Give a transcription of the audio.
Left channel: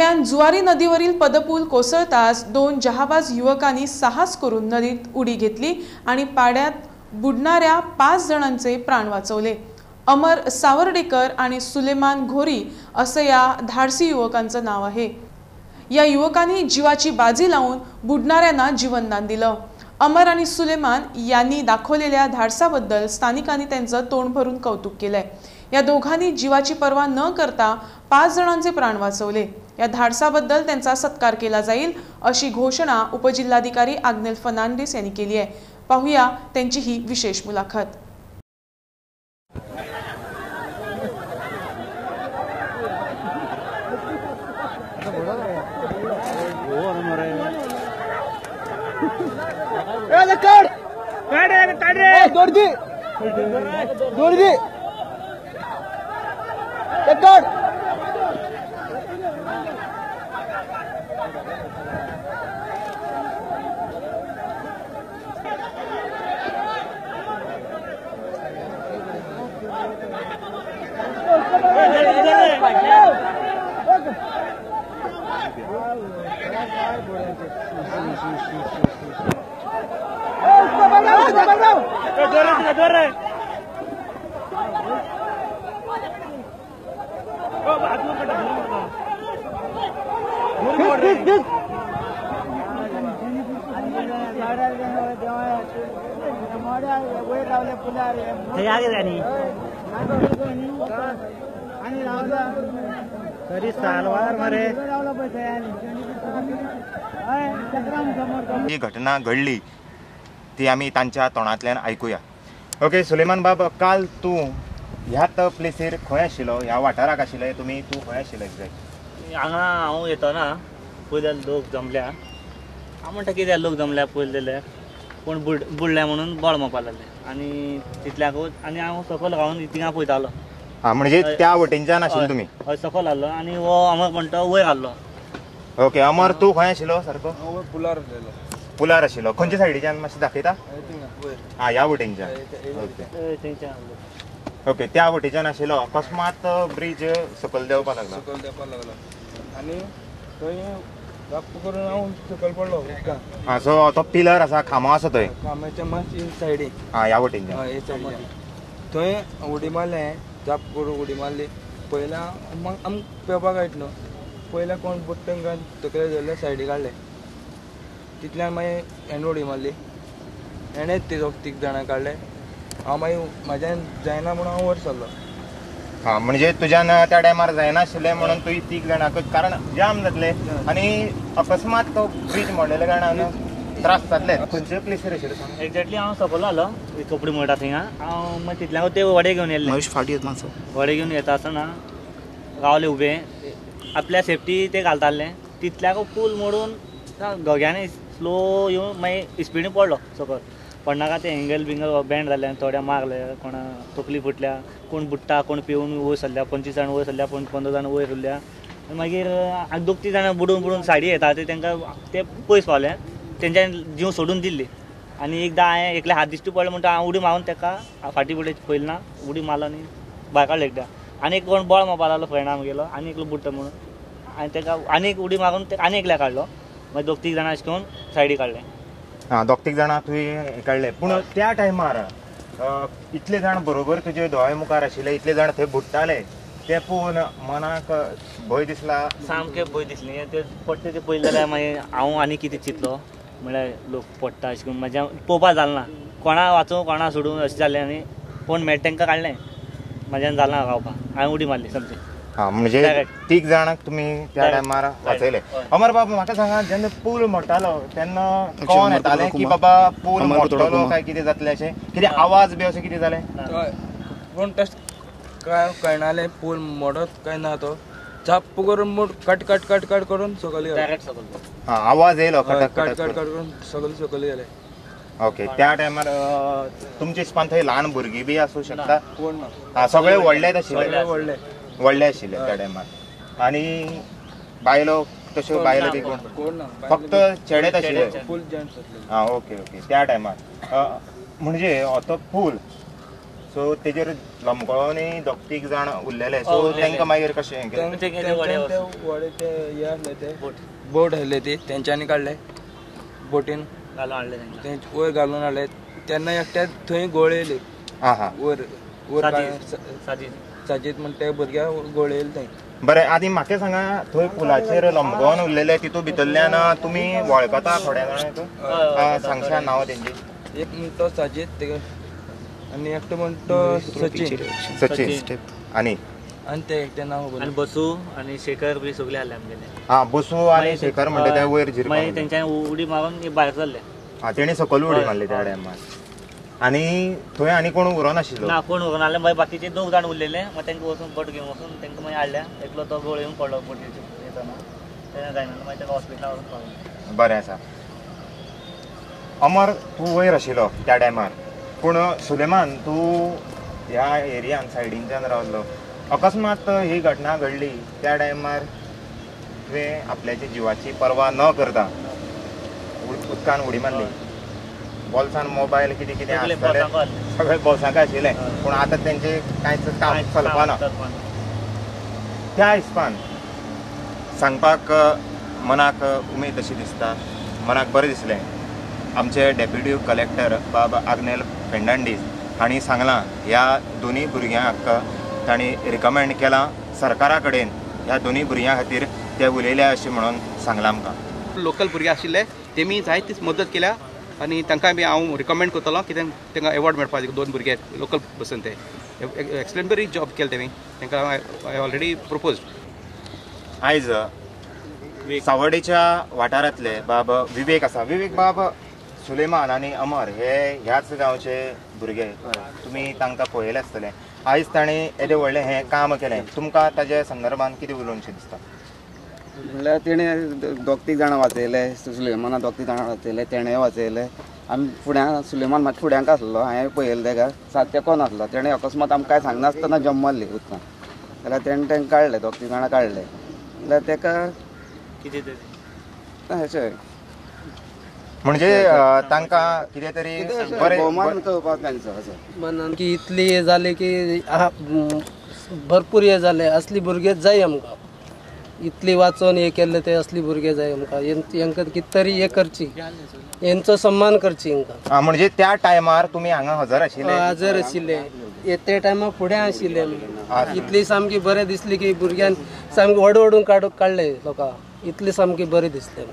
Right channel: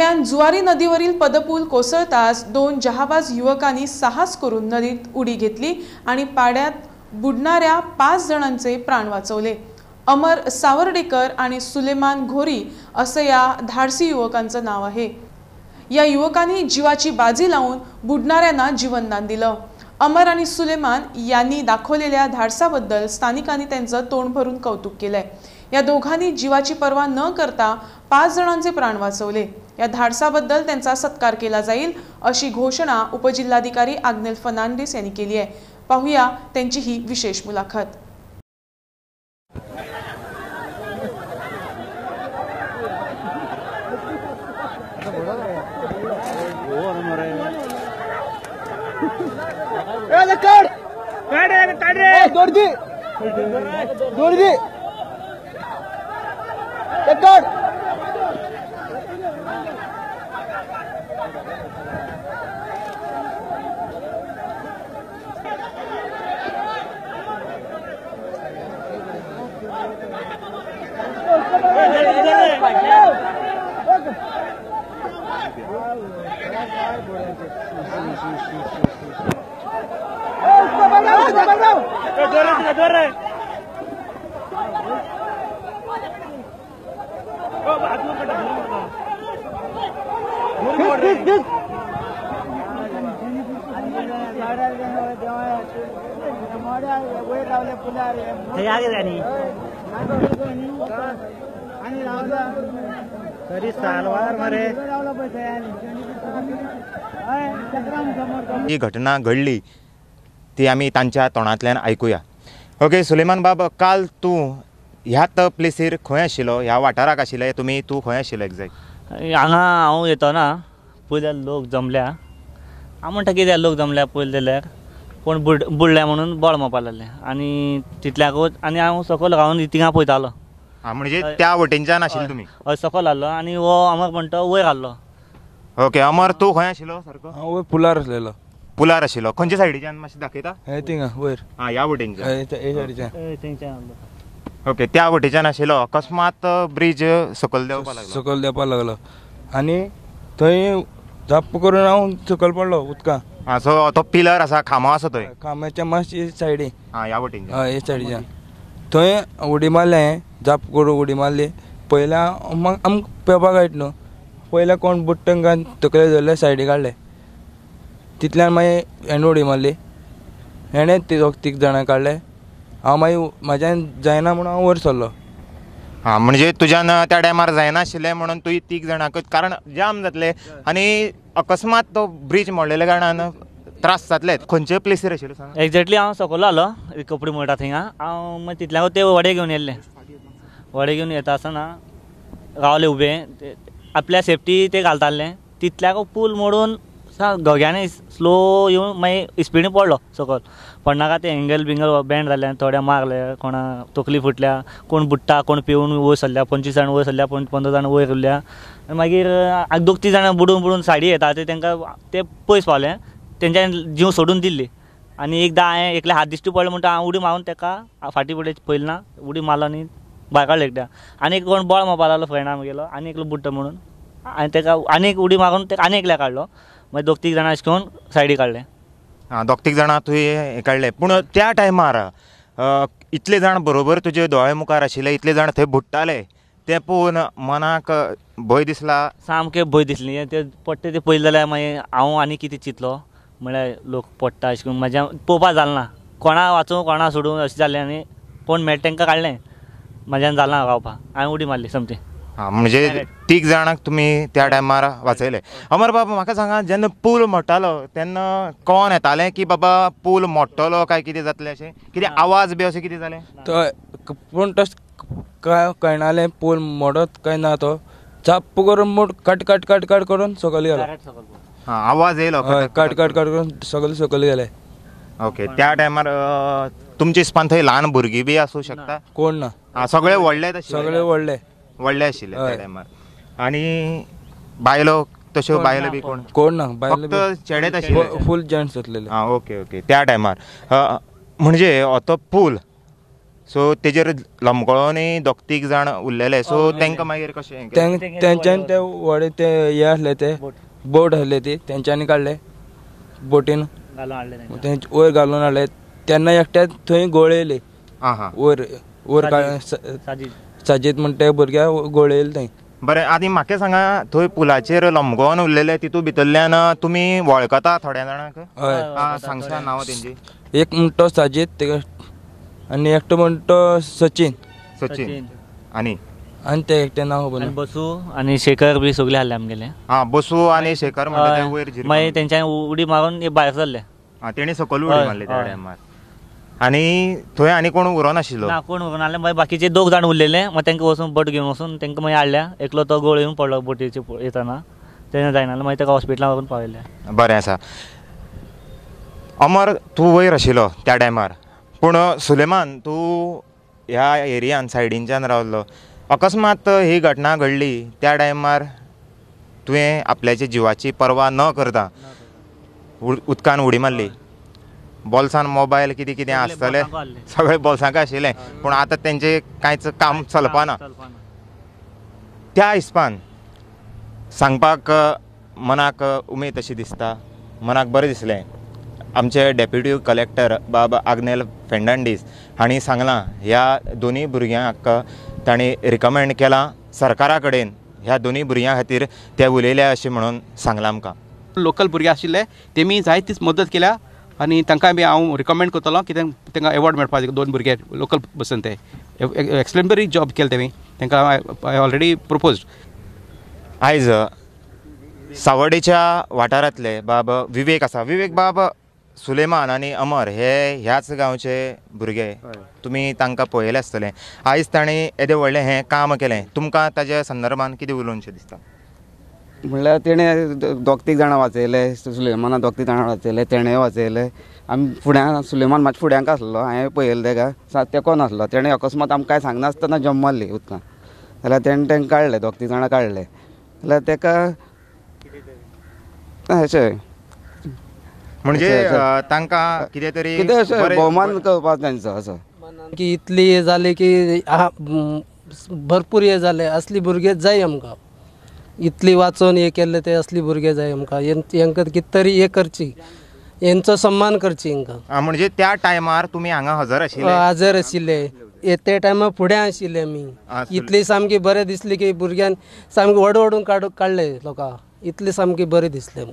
दरम्यान जुवारी नदीवरील पदपूल कोसळताच दोन जहाबाज युवकांनी साहस करून नदीत उडी घेतली आणि पाण्यात बुडणाऱ्या 5 जणांचे प्राण वाचवले। अमर सावर्डेकर आणि सुलेमान घोरी असं या धाडसी युवकांचं नाव आहे। या युवकांनी जीवाची बाजी लावून बुडणाऱ्यांना जीवनदान दिलं। अमर आणि सुलेमान यांनी दाखवलेल्या धाडसाबद्दल स्थानिकांनी त्यांचं तोंड भरून कौतुक केलंय। या दोघांनी जीवाची पर्वा न करता 5 जणांचे प्राण वाचवले। या धाडसाबद्दल त्यांचा सत्कार केला जाईल अशी घोषणा उपजिल्हाधिकारी आग्नेल फर्नांडिस यांनी केली आहे। पाहूया त्यांची ही विशेष मुलाखत। ही घटना घडली ती आम्ही त्यांच्या तोंडातल्यान ऐकूया। ओके सुलेमान बाब, काल तू ह्यात प्लेसीर खंय आशिल्लो, ह्या वाठाराक आशिल्ले तुम्ही, तू खंय आशिल्लो एक्झॅक्ट? हांगा हांव येतना पयल्या लोक जमल्या, हांव म्हणटा कित्याक लोक जमल्या पयले जाल्यार कोण बुडल्या म्हणून बळ मारपा लागले आनी तितल्याकूच आनी हांव सकयल रावन थिंगा पळयतालो। म्हणजे त्या वटेनच्यान आशिल्ले तुम्ही? हय, सकयल आहलो आनी हो अमर म्हणटा वयर आहलो। ओके अमर, तू खंय आशिल्लो सारको? हांव पुलार आसलेलो। पुलार आशिल्लो? खंयच्या सायडीच्यान मातशें दाखयता? थिंगा वयर। ह्या वटेनच्यान? ओके, त्या वटेच्यान आशिल्लो। अकस्मात ब्रिज सकयल देंवपा लागलो? सकयल देंवपा लागलो आनी थंय धप्प करून हांव सकयल पडलो उदकांत। असो तो पिलर आसा, खांबो आसा थंय? खांब्याच्या मातशी सायडीन। ह्या वटेनच्यान? हय, हे सायडीच्यान। थंय उडी मारलें, जाप करून उडी मारली। पयल्या आमकां पेवपाक कळटा न्हू, पयल्या कोण बुडटा तांकां तकले धरले, सायडीक काडले। तितल्यान मागीर हेणें उडी मारली, हेणें तीग जाणां काडले। हांव मागीर म्हाज्यान जायना म्हणून हांव वयर सरलो। म्हणजे तुज्यान त्या टायमार जायनाशिल्लें म्हणून तुवें 3 जाणांक, कारण जाम जातले आनी अकस्मात तो ब्रिज मोडलेल्या कारणान त्रास जातले। खंयचे प्लेसीर आशिल्ले? एक्झॅक्टली हांव सकयल आहलो, कपडे मळटा थिंगा। हांव मागीर तितल्याकूच ते वडे घेवन येयल्ले। फाटी येता मातसो। वडे घेवन येता आसतना रावले उबे, आपल्या सेफ्टी ते घालताले। तितल्याकूच पूल मोडून दोग्यांनी स्लो येवन मागीर स्पिडीन पडलो सकयल। पडनाका ते एंगल बिंगल बँड जाले, थोड्या मारले, कोणा तकली फुटल्या, कोण बुडटा, कोण पिवून वयर सरल्या, 25 जाण वयर सरल्या, 15 जाण वयर उरल्या। मागीर 2-3 जाणां बुडून सायडी येता ते तांकां ते पयस पावले, तेंच्यान जीव सोडून दिल्ली। आनी एकदां हांवें एकले हात दिश्टी पडले म्हणटा हांव उडी मारून ताका फाटी फुडें पयलें ना, उडी मारलो आनी भायर काडलो एकदां। आनी एक कोण बळ मारपा लागलो फ्रेंडा गेलो, आनी एकलो बुडटा म्हणून आनी ताका आनी एक उडी मारून ताका आनी एकल्या काडलो। मागीर 2-3 जाणां अशें करून सायडीक काडले। 2-3 जाणां तुवें काडले, पूण त्या टायमार इतले जाण बरोबर तुजे दोळे मुखार आशिल्ले, इतले जाण थंय बुडटाले, ते पळोवन मनाक भंय दिसला? सामकें भंय दिसली। ते पडटा ते पळयलें जाल्यार मागीर हांव आनी कितें चिंतलो, म्हळ्यार लोक पडटा अशें करून म्हाज्या पळोवपा जालें ना। कोणा वाचूं कोणा सोडूं अशें जालें आनी कोण मेळटा तांकां काडलें, म्हाज्यान जालें ना रावपाक। हांवें उडी मारली समजें। म्हणजे 3 जाणांक तुम्ही त्या टायमार वाचयले। अमर बाबा, म्हाका सांगा, जेन्ना पूल मोडटालो तेन्ना कोण येताले की बाबा पूल मोडटलो काय कितें जातलें अशें? कितें आवाज बी अशें कितें जालें? पूण तशें कळनालें पूल मोडत काय ना, तो चाप्प करून मोड कट कट कट कट करून सकयल गेलो। आवाज येयलो कट कट कट करून सकयल गेले। ओके, त्या टायमार तुमचे हिसपान थंय ल्हान भुरगीं बी आसूं शकता? कोण ना, सगळे व्हडलेच आशिल्ले। सगळे व्हडले आशिल्ले त्या टायमार। आनी बायलो तश्यो बायलो बी कोण ना, फक्त चेडेच आशिल्ले? फूल जेंट्स आसलेले। ओके ओके, त्या टायमार म्हणजे तो पूल सो तेजेर लमकळोनी दोग तीग जाण उरलेले सो तांकां मागीर कशें तेंच्यानी ते व्हडे ते हे आसले ते बोट आसले ते तेंच्यांनी काडले बोटीन घालून हाडले ते वयर घालून हाडले तेन्ना एकट्या थंय गोळयले वयर वयर साजीत म्हणटा ते भुरग्याक गोळयले थंय. बरें आनी म्हाका सांगा थंय पुलाचेर लमकोवन उरलेले तितून भितरल्यान तुमी वळखता थोड्या जाणांक सांगशा नांव तेंची. एक म्हणटो साजीत तेका आनी एकटो म्हणटो सचिन आनी ते एकटे नांव खबर ना. बसू आणि शेखर बी सगळे हाडले आमगेले. बसू आनी शेखर म्हणटा ते वयर मागीर तेंच्यानी उडी मारून भायर सरले. तेणी सकयल उडी मारली त्या टायमार. आनी थंय आनी कोण उरो नाशिल्लो ना कोण व्हरून हाडले. मागीर बाकीचे दोग जाण उरलेले मग तांकां वचून बोट घेवन वचून तांकां मागीर हाडल्या. एकलो तो गोळयून पडलो बोटीचे येताना तेन्ना जायना मागीर ताका हॉस्पिटलांत व्हरून पावयले. बरें आसा. अमर तूं वयर आशिल्लो त्या टायमार पूण सुलेमान तूं ह्या एरियान सायडींच्यान रावल्लो. अकस्मात ही घटना घडली त्या टायमार तुवें आपल्याच्या जिवाची पर्वा न करता उदकान उडी मारली. बॉल्सान मोबायल कितें कितें आसतालें सगळें बॉल्सांक आशिल्लें पूण आतां तेंचें कांयच काम चलपाना. त्या हिसपान सांगपाक मनाक उमेद अशी दिसता, मनाक बरें दिसलें. आमचे डेप्युटी कलेक्टर बाब आग्नेल फेर्नांडीस हांणी सांगलां ह्या दोनी भुरग्यांक तांणी रिकमेंड केलां सरकारा कडेन ह्या दोनी भुरग्यां खातीर ते उलयले अशें म्हणून सांगलां आमकां. लोकल भुरगे आशिल्ले तेमी जायतीच मदत केल्या आनी तांकां बी हांव रिकमेंड करतलो कित्याक तांकां एवॉर्ड मेळपाक दोन भुरगे लोकल बसून ते एक्सप्लेनरी जॉब केले तेमी तांकां हांवें ऑलरेडी प्रपोज्ड. आयज सावड्डेच्या वाठारांतले बाब विवेक आसा. विवेक बाब सुलेमान आनी अमर हे ह्याच गांवचे भुरगे तुमी तांकां पळयलें आसतलें. आयज ताणें येदें व्हडलें हें काम केलें तुमकां ताच्या संदर्भान कितें उलोवनशें दिसता? म्हणल्यार तेणें दोग तीग जाणां वाचयले. सुलेमाना दोग तीग जाणां वाचयले, तेणें वाचयले. आमी फुड्यान सुलेमान मातशें फुड्यांक आसलो, हांवें पळयलें तेका तेको नासलो. तेणें अकस्मात आमकां कांय सांगनासतना जम्प मारली उदकान. जाल्यार तेणें तांकां काडले, दोग तीग जाणां काडले. जाल्यार तेका अशें म्हणजे तांकां कितें तरी कितें अशें भोवमान करपाक तेंचो असो की इतली हे जाले की भरपूर हे जाले. असली भुरगे जाय आमकां. इतली वाचून हे केले ते असली भुरगे जाय आमकां. हेंकां कितें तरी हे करची, हेंचो सन्मान करची हांकां. म्हणजे त्या टायमार तुमी हांगा हजर आशिल्ले? हजर आशिल्ले. ते टायमार फुडें आशिल्ले आमी. इतली सामकी बरें दिसली की भुरग्यान सामकी ओडून काडले लोकांक. इतली सामकी बरें दिसलें.